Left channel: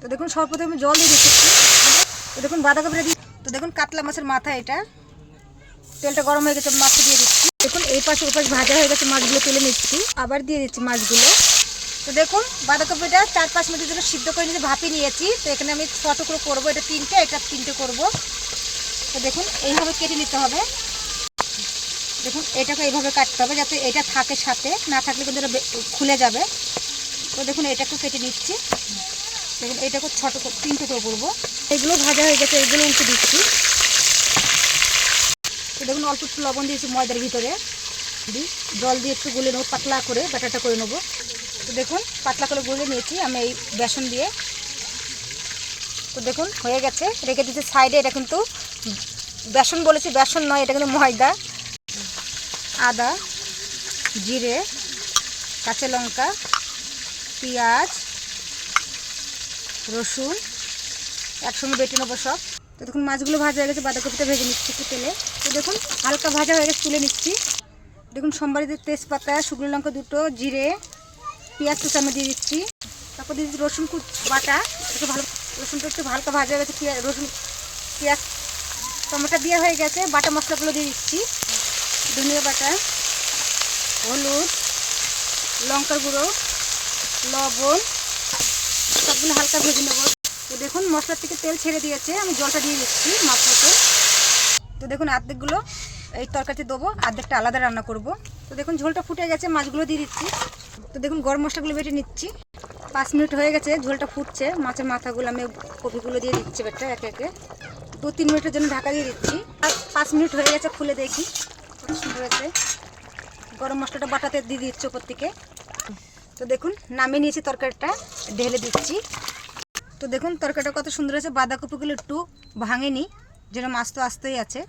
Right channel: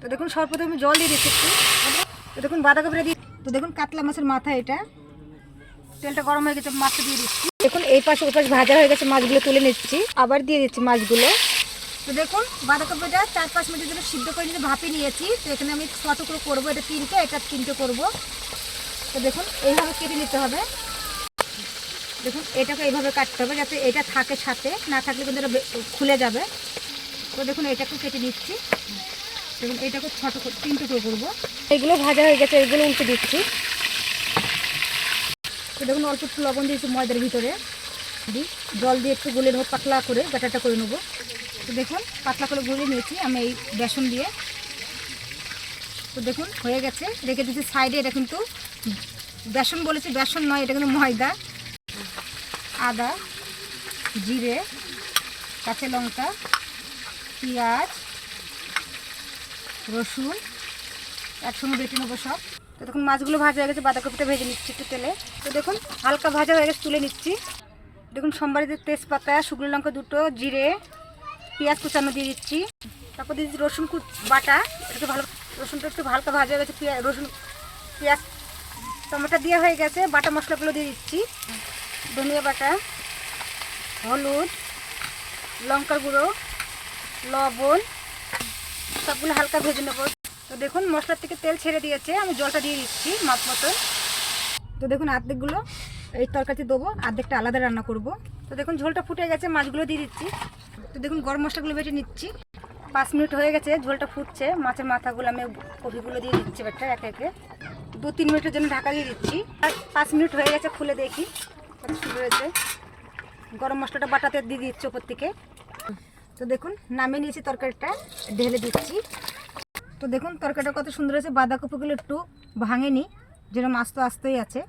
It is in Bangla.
তো দেখুন সর্বপ্রথমে আমি জল দিয়ে দিচ্ছি। তো দেখুন বাঁধাকপিটা দিয়ে, তো দেখুন কাতলা মাছের মাথা, এটা তেলটা গরম হয়ে গেছে, মাছটা দিয়ে দিচ্ছি। দেখুন এই পাশে ওপাশ ভাজা হয়ে গেছে, মাছগুলো তুলে নিচ্ছি, আবার দিয়ে দিচ্ছি মাছগুলো। তো দেখুন বাঁধাকপিটা 4-5 মিনিটের জন্য সিদ্ধ করে নিয়ে ভাপিয়ে নিয়েছি। তো এখানে আমি কত করে করবো, এটা 3টে, এটা 3টে করবো। তো দেখুন এইভাবে কেটে নিতে হবে। দেখুন এটাকে এইভাবে কাটতে হবে যাতে এটা থাকে, সাথে না থাকলে কিন্তু এটা খুলে যাবে। তো দেখুন এটাকেও কেটে নিচ্ছি। দেখুন এটাকে ছোট করে 3টে করে করবো। এগুলো ভাজা হয়ে গেছে, এগুলো উল্টে দিচ্ছি। তো দেখুন অল্প একটু লবণ দিয়েছি ময়দার ভিতরে, জল দিয়ে একটু গুলে নেবো, পাতলা করে ব্যাটারটা করে নেবো। তো দেখুন পাতলা করে গুলে নিয়েছি আমি এই বেসন দিয়ে। তো দেখুন হয়ে গেছে, রেখে দিচ্ছি সাইডে। এটা কিন্তু বেসন বলেছি, বেসন নয়, এটা কিন্তু ময়দা। আদা, জিরে, কাঁচা লঙ্কা, পেঁয়াজ, রসুন একসঙ্গে বেটে নেবো সব। তো দেখুন মাছগুলো ভাজা হয়ে গেছে, বাঁধাকপিটা ভেজে নিচ্ছি একটু তেলে। তো দেখুন হালকা ভাজা হয়ে গেছে, তুলে নিচ্ছি। দেখুন সোমবারিতে তেজপাতা, শুকনো লঙ্কা 2টো, জিরে, পেঁয়াজ কুচানো দিয়ে দিচ্ছি। তারপর দিয়ে দিচ্ছি রসুন বাটা, একটু ভালো, রসুনটা একটু হালকা ভাজা হয়ে গেছে, রসুন পেঁয়াজ টমেটো দিয়ে হয়ে গেছে। বাটা মশলাগুলো দিয়ে দিচ্ছি, ধনিয়া বাটা, হলুদ, লঙ্কার গুঁড়ো, লবণ, সবগুলো হালকা ভেজে নেবো। তো দেখুন মশলার থেকে তেল ছেড়ে দিয়েছে, আমি জলটা দিয়ে দিচ্ছি মাছ মতো। তো দেখুন অর্ধেকগুলো এই তরকারিতে দেবো, অর্ধেকটা আলাদা রান্না করব। তো দেখুন ঝোলটা ফুটে গেছে, মাছগুলো দিয়ে দিচ্ছি। তো দেখুন গরম মশলাগুলো বেটে নিচ্ছি। 5 মিনিট হয়ে গেছে, ঝোলটা ফুটছে। মাছের মাথাগুলো আমি কপিগুলো দিয়ে দিচ্ছি এবারটা একে একে। 2-3 মিনিটের জন্য ঢাকা দিয়ে দিচ্ছি। আর 5 মিনিট হয়ে গেছে, খুলে দেখি হয়েছে। গরম মশলাটা বাটাতে দিয়ে দিচ্ছি ওপর থেকে। তো দেখুন নামিয়ে নিয়েছি, তরকারিটা ঢেলে দিচ্ছি। তো দেখুন তরকারিটা কত সুন্দর হয়েছে, বাঁধাকপিগুলো একটু ভাঙেনি, যেন মাছ তো আসতেই আছে।